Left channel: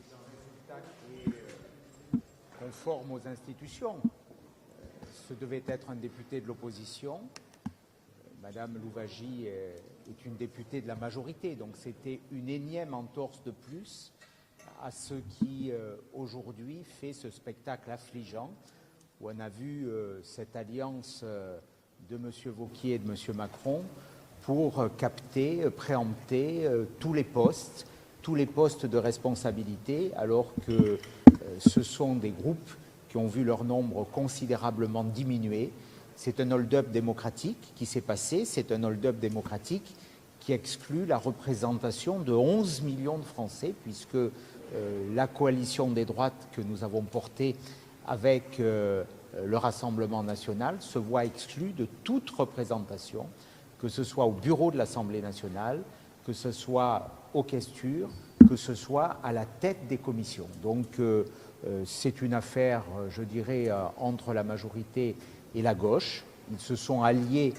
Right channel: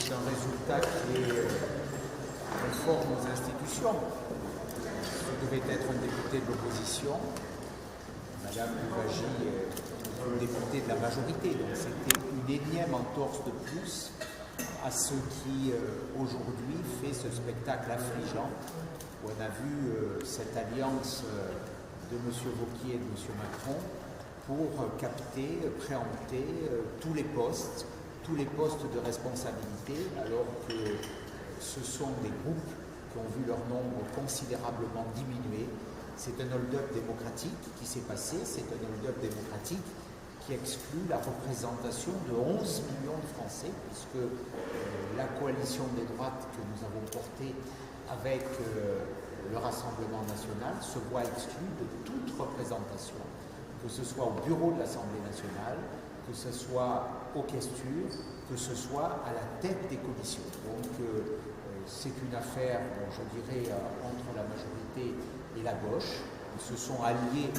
c'est un résultat qui est conforme aux institutions. Ce devait être un député de l'opposition. Madame Louvagie est une députée de la majorité, donc c'était une énième entorse de plus à ce qui aujourd'hui fait ce spectacle affligeant, où on a vu cette alliance de M. Wauquiez et de M. Macron pour capter, préempter tous les postes de responsabilité, alors que ce sont des groupes qui ont vu leur nombre considérablement diminuer. C'est un hold-up démocratique qui s'est passé, c'est un hold-up démocratique qui exclut la représentation de 11 millions de Français, puisque la coalition des droites que nous avons portée avec le Rassemblement national se voit exclue de toute représentation, que ce soit au bureau de l'Assemblée nationale, que ce soit aux questures, que ce soit à la tête des commissions. Donc c'est une affaire, je dirais, entre la majorité et la gauche. Ils se sont alliés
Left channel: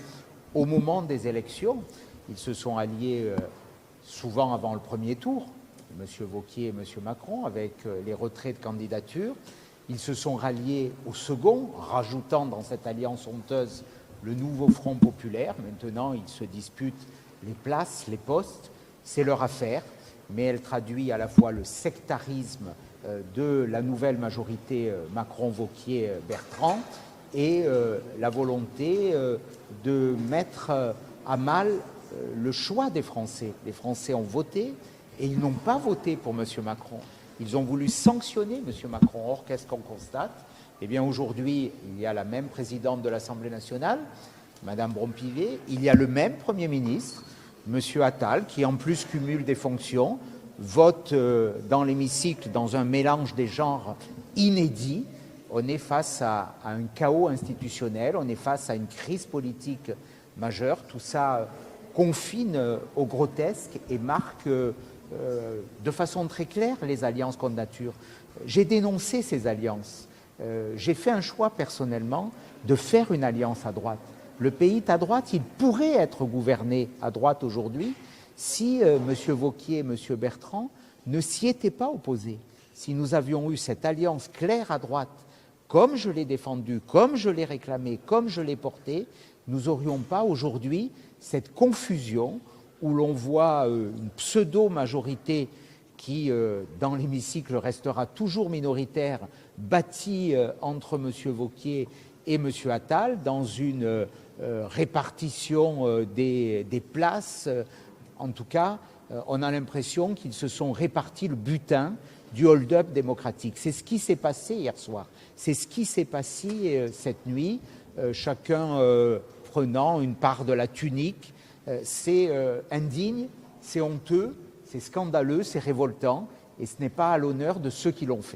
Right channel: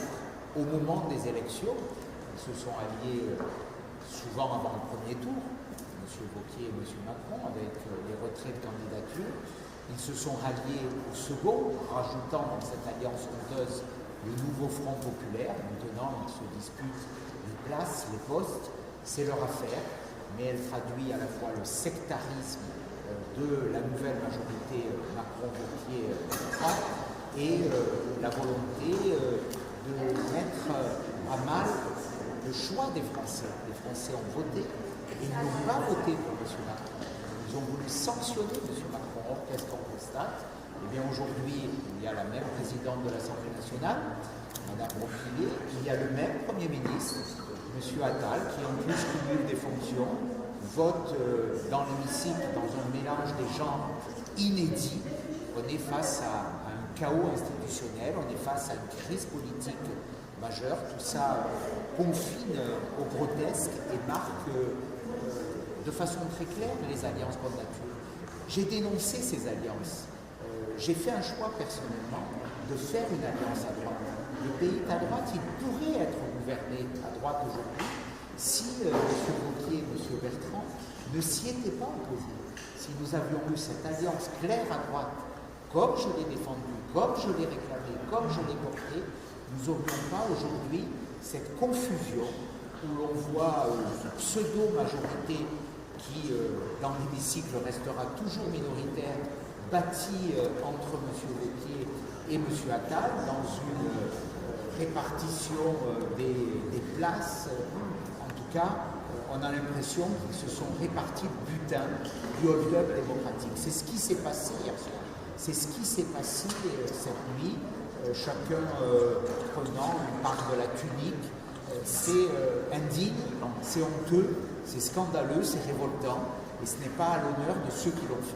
au moment des élections, ils se sont alliés souvent avant le premier tour, M. Wauquiez et M. Macron, avec les retraits de candidature. Ils se sont ralliés au second, rajoutant dans cette alliance honteuse le nouveau Front populaire. Maintenant, ils se disputent les places, les postes. C'est leur affaire, mais elle traduit à la fois le sectarisme de la nouvelle majorité Macron-Wauquiez-Bertrand et la volonté de mettre à mal le choix des Français. Les Français ont voté et ils n'ont pas voté pour M. Macron. Ils ont voulu sanctionner M. Macron. Or, qu'est-ce qu'on constate? Eh bien, aujourd'hui, il y a la même présidente de l'Assemblée nationale, Mme Brompivier, il y a le même Premier ministre, M. Attal, qui en plus cumule des fonctions, vote dans l'hémicycle dans un mélange des genres inédit. On est face à un chaos institutionnel, on est face à une crise politique majeure. Tout ça confine au grotesque et marque de façon très claire les alliances contre nature. J'ai dénoncé ces alliances. J'ai fait un choix personnellement de faire une alliance à droite. Le pays est à droite, il pourrait être gouverné à droite aujourd'hui si M. Wauquiez et M. Bertrand ne s'y étaient pas opposés. Si nous avions eu cette alliance claire à droite, comme je l'ai défendue, comme je l'ai réclamée, comme je l'ai portée, nous n'aurions pas aujourd'hui cette confusion où l'on voit une pseudo-majorité qui, dans l'hémicycle, restera toujours minoritaire, bâtie entre M. Wauquiez et M. Attal dans une répartition des places. En tout cas, on a l'impression qu'ils se sont répartis le butin du hold-up démocratique. C'est ce qui s'est passé hier soir. C'est ce qui s'est passé cette nuit, chacun prenant une part de la tunique. C'est indigne, c'est honteux, c'est scandaleux, c'est révoltant, et ce n'est pas à l'honneur de ceux qui l'ont fait.